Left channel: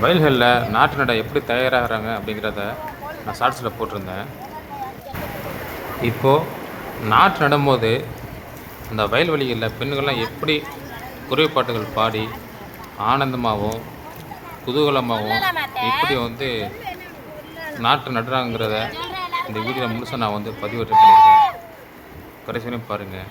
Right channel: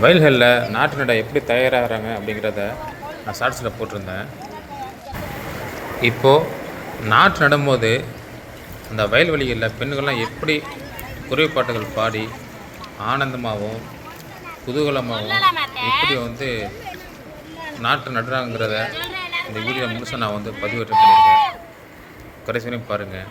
வயல்களில் நாட்டு நட எப்படி தயாராகிறாங்க அப்படிங்கிறத நான் ஷார்ட்ஸில் போட்டிருந்தேன். இப்போது நாட்டு நடும்போது அந்த வயல்வெளிகளில் பெண்கள்லாம் எப்படி குறைபாட்டுகள் பாடி ஆனந்தமாகவும் குதூகலமாகவும் எப்படி வந்து நாட்டு நடுறாங்கிறத இந்த வீடியோ முழுசாக நான் வந்து பதிவேற்றம் பண்ணியிருக்கேன். கடைசி பாருங்கள்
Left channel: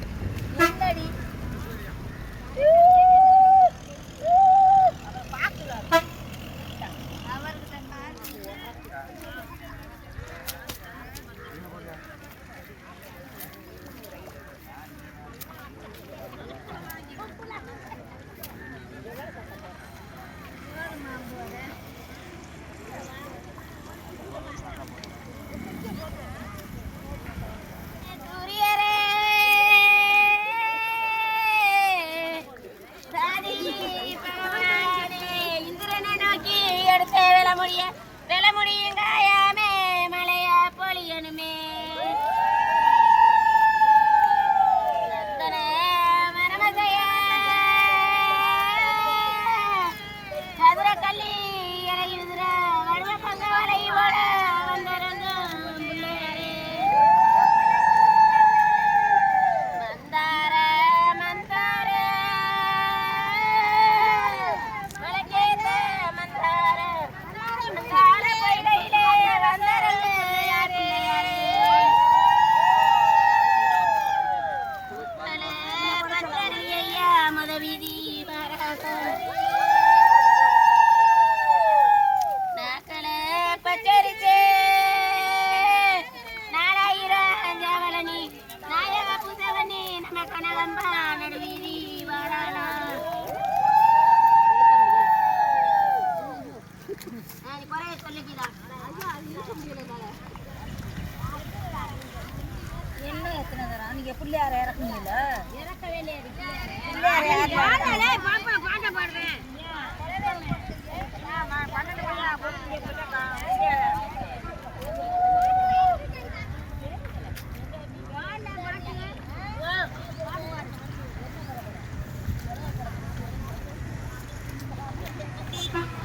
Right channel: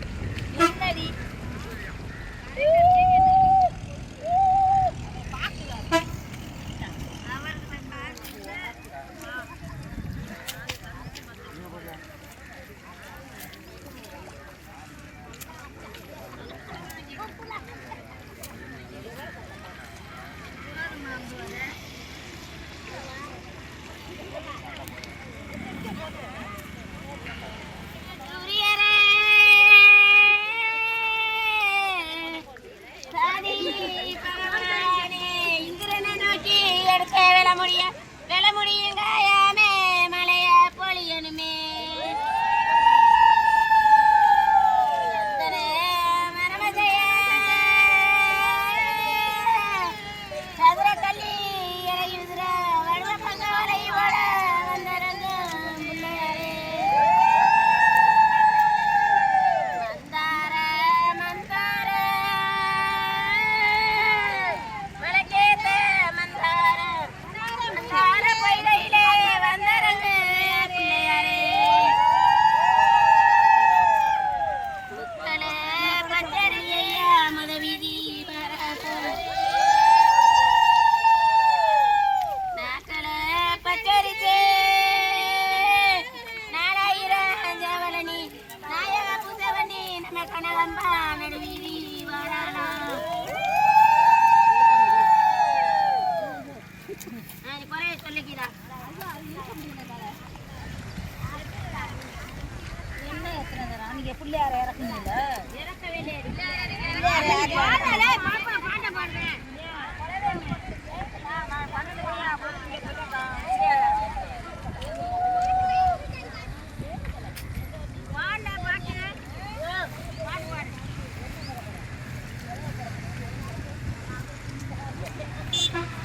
பிள்ளையார் இறக்குங்களா பிள்ளையார் யார் Krishna.